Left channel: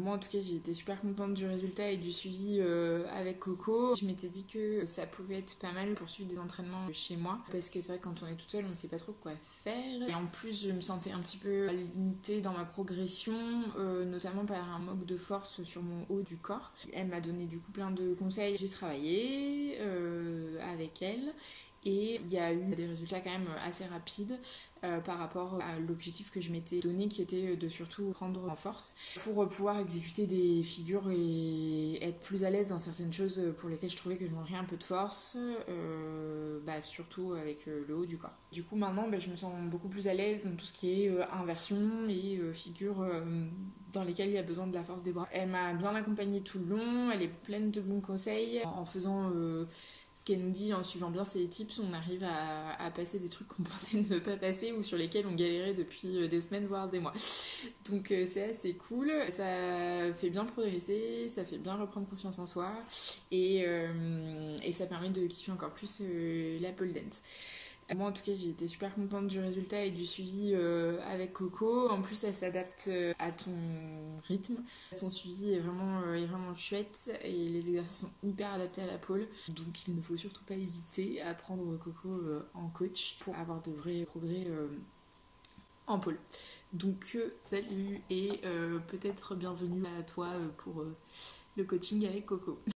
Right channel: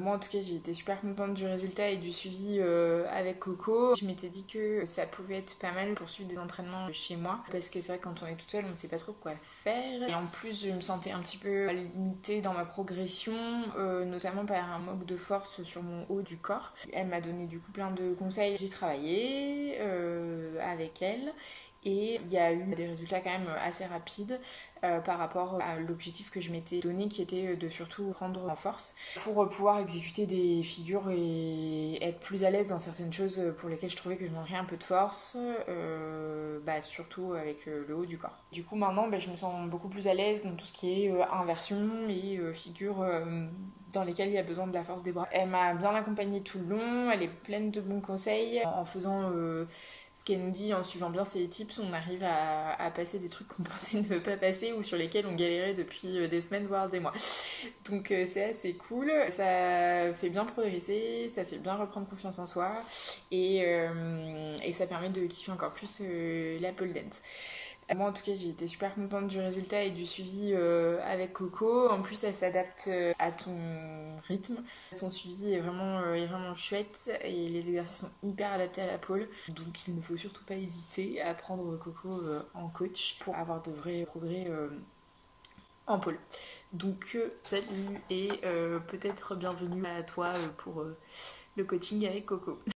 Moi en tout cas j'ai été super contente du résultat et du suivi avec Coco. Je m'étais dit que ça pouvait être pas mal pour suivre des entraînements chez moi parce que c'est vrai que quand on est toute seule on sait pas trop quoi faire. Et en plus je me sentais un petit peu limitée dans ma progression, notamment par un manque de force sur mon haut du corps. Elle m'a donné du coup plein de conseils. J'ai travaillé avec elle. Et il y a eu des résultats quand même assez rapides par rapport à l'objectif que je m'étais donné qui était de surtout prendre en force pour pouvoir exécuter des figures et être plus à l'aise dans certaines choses pour lesquelles je trouvais que je manquais un peu de force, surtout avec le haut du corps. Du coup maintenant je me sens beaucoup plus à l'aise dans tout ce qui est inversion et figures dans lesquelles il y a besoin de la force des bras. Elle m'a bien accompagnée tout le long, elle est pleine de bons conseils en faisant ce qu'elle nous dit, en suivant bien ses tips, on arrive à passer des trucs qu'on pensait ne pas passer ou sur lesquels on galérait depuis des semaines voire des mois. Donc c'est assez cool, ça fait bien progresser, ça fait bien reprendre confiance en soi et ça permet de kiffer encore plus la pole dance. Moi en tout cas j'ai été super contente du résultat et du suivi avec Coco. En plus elle s'adapte à ton rythme. Son suivi est vraiment chouette et les exercices sont hyper adaptés à la pole. Donc il ne faut surtout pas hésiter à prendre Coco en coach pour avoir de vrais progrès en pole. Donc salut et peut-être bienvenue à toi pour le coaching avec Coco.